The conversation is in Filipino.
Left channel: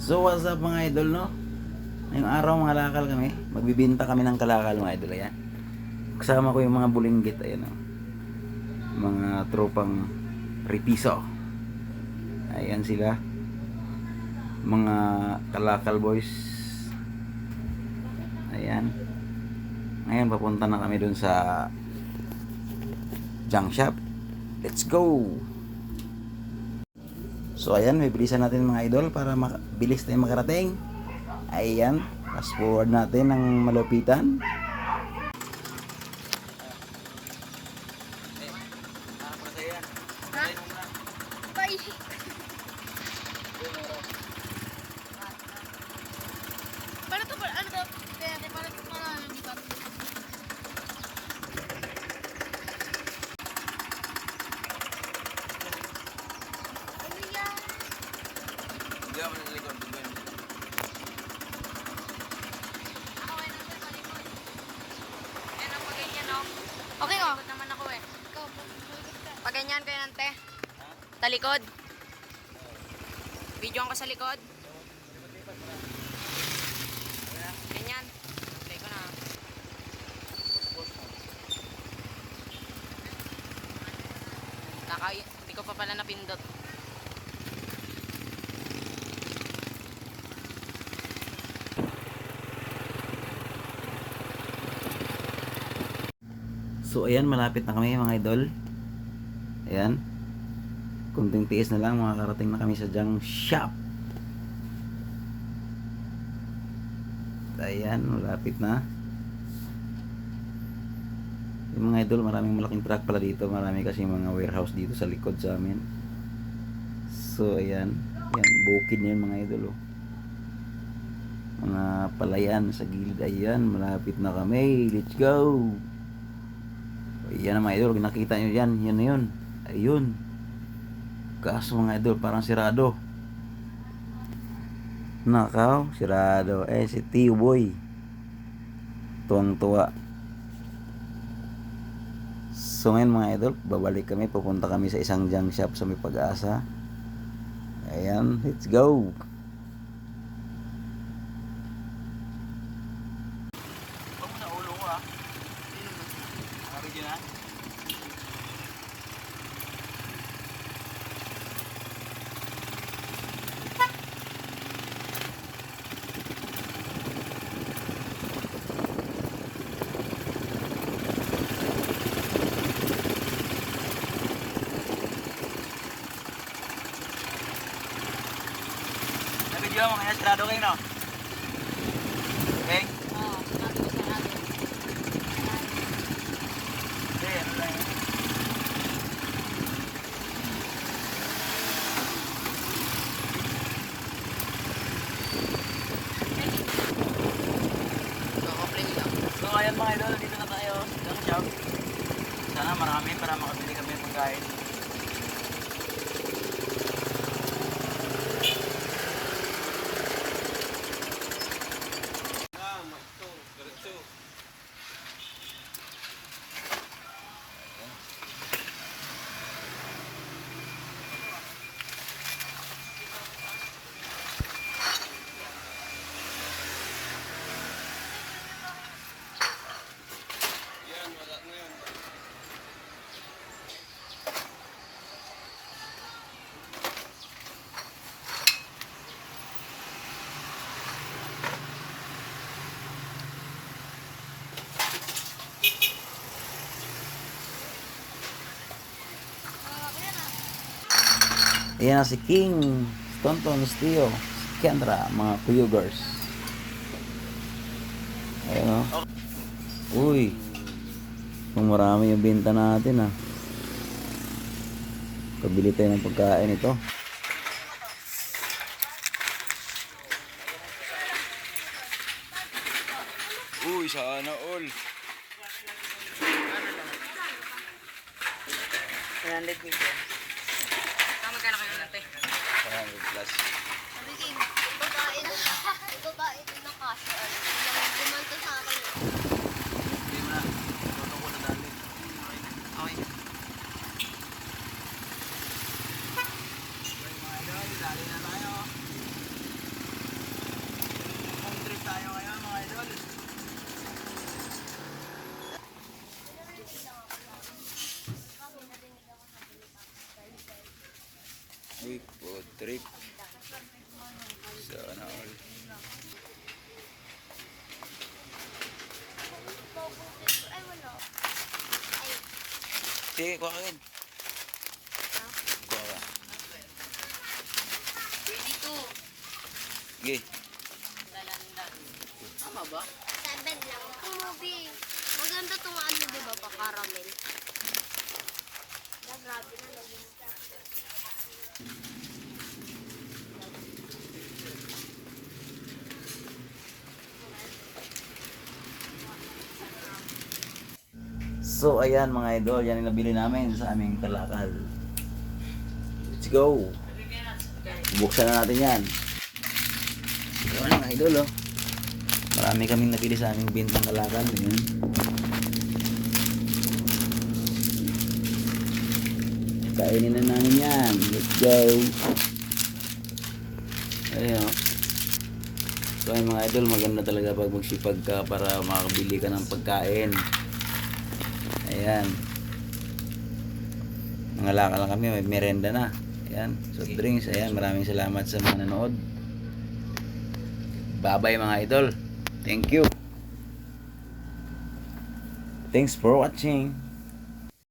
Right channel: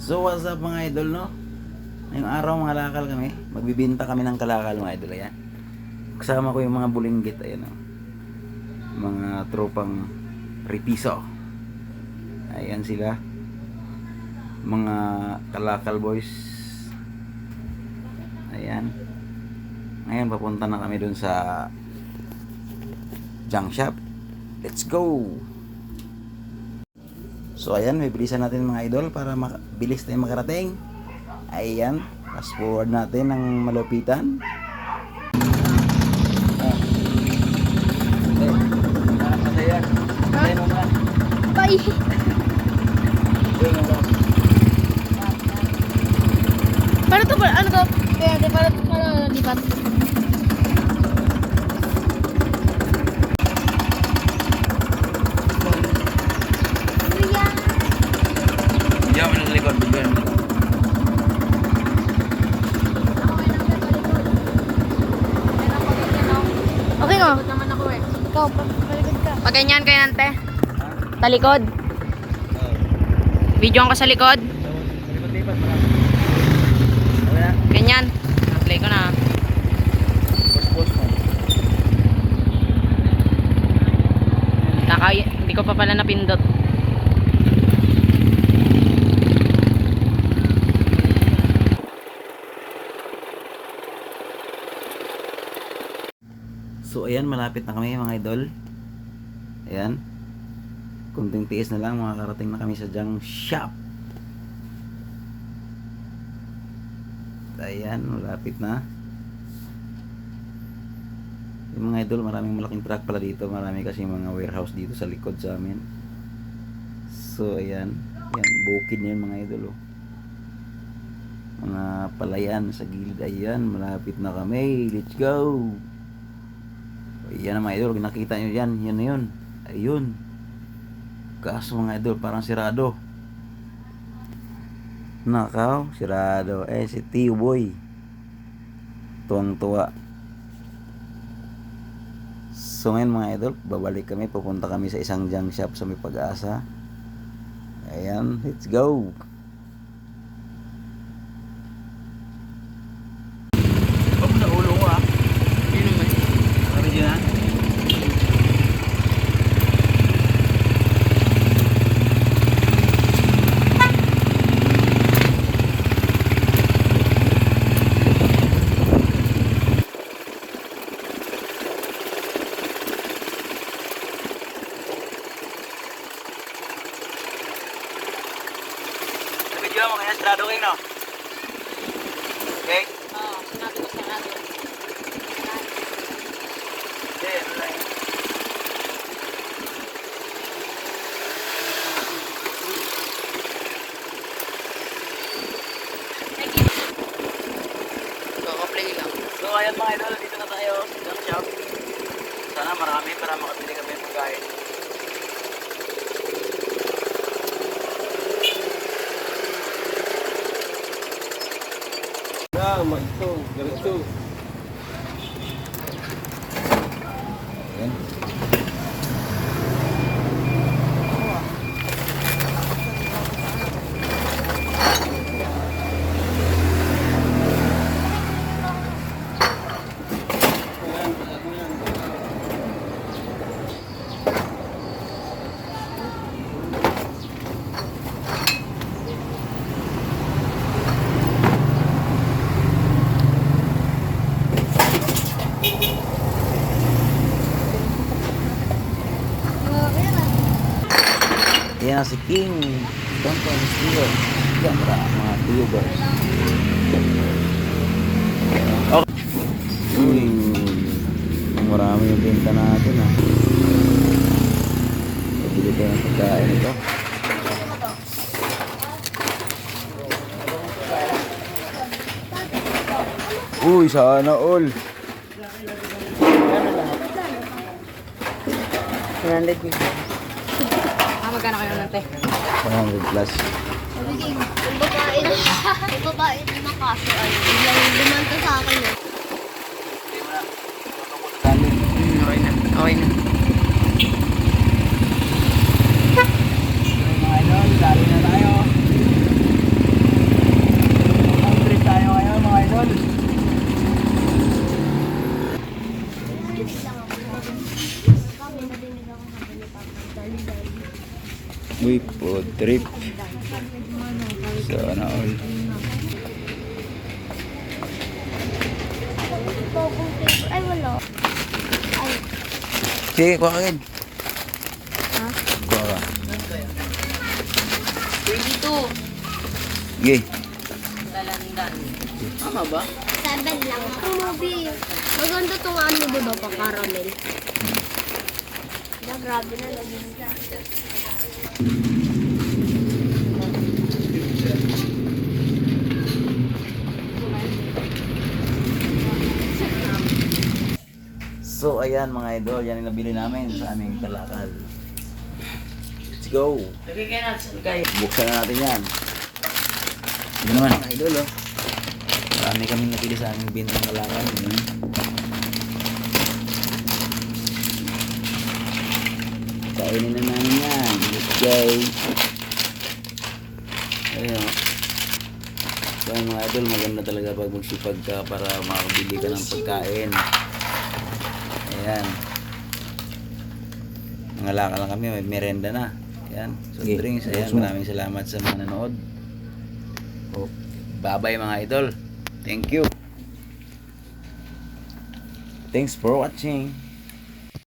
So what's up mga idol, no? Ngayong araw mga kalakal kami. Magbibinta kami ng kalakal mga idol. Ayan. Kasama ko yung mga bulinggit. Ayan, no? Mga tropang Ripiso. Ayan sila. Mga kalakal boys. Ayan. Ngayon papunta na kami dun sa junk shop. Let's go! So ayan, may bilisan natin mga idol para bilis tayong makarating. Ayan, fast forward natin ng malupitan. Bye. Para to, ano to? Para lipat. Diyan mo nasa likod, bigyan mo. Okay nga. Naman ako eh. Ikaw, palikod ka. Pag ganyan kayo nante. Talikod. Video ko sa likod. Lipat-lipat mo na. Ganyan. Na-play ko na. Post mo. Hindi ko pa pala napindot. So ayan, malapit na kami mga idol. Ayan. Kunting tiis na lang, makakarating na kami sa junk shop. Ayan, malapit na. Yung mga idol, maraming malaking truck pala dito. Marami kasi mga warehouse dito sa likod sa amin. So ayan. Ayan, bukid na yun mga idol. Oh. Mga palayan sa gilid. Ayan, malapit na kami. Let's go! Ayan mga idol, nakita nyo yan. Yan na yun. Ayun. Kaso mga idol, parang sirado. Nakaw, sirado. Si Tio Boy. Tuwang-tuwa. So ngayon mga idol, babalik kami. Pupunta kami sa isang junk shop sa May Pag-asa. Ayan, let's go. Sa ulo ko ah. Yun naman. Ano dyan? Nabigyan mo kaya sarado kayo no? Okay? Naka-play lang. So ayan mga idol, dito na tayo sa junk shop. Sana marami para makabili kami ng pagkain. Magto, diretso. Ayan. Ayan na si King Tonto Mistio Kendra, mga viewers. Ayan o. Uy, marami yung benta natin ah. Pabili tayo ng pagkain ito. Uy, sana all. 100 din. Magkano kayo nante? 100 plus. Yung babae na kaso ay biglang lumanta sa akin eh. Okay na. Okay na. Mga idol, dali na tayo. trip. So, ano all. Ay, wala. Ay, Sige, kuha ka agad. ha? Kuha ka. Dito. Sige. Dalandan. Tama ba? 7 lang. Ang movie. Maganda tong ano diba pa, caramel. Grabe na lagi. So, ayan mga idol. Yan ang nabili namin sa aming kalakal. Let's go. Buksan na natin yan. Ito naman mga idol, oh. Marami kaming napili sa aming bintang kalakal. Ayan. Kainin na namin yan. Let's go. Ayan, oh. So, ayun mga idol, maganda talaga pag magsipag ka para makakabili ka ng pagkain. Ayan. Nangalaka lang kami, may merenda na. Ayan, so drinks. Ayan, maraming salamat sa mga nanood. Bye-bye mga idol. Thank you. Thanks for watching.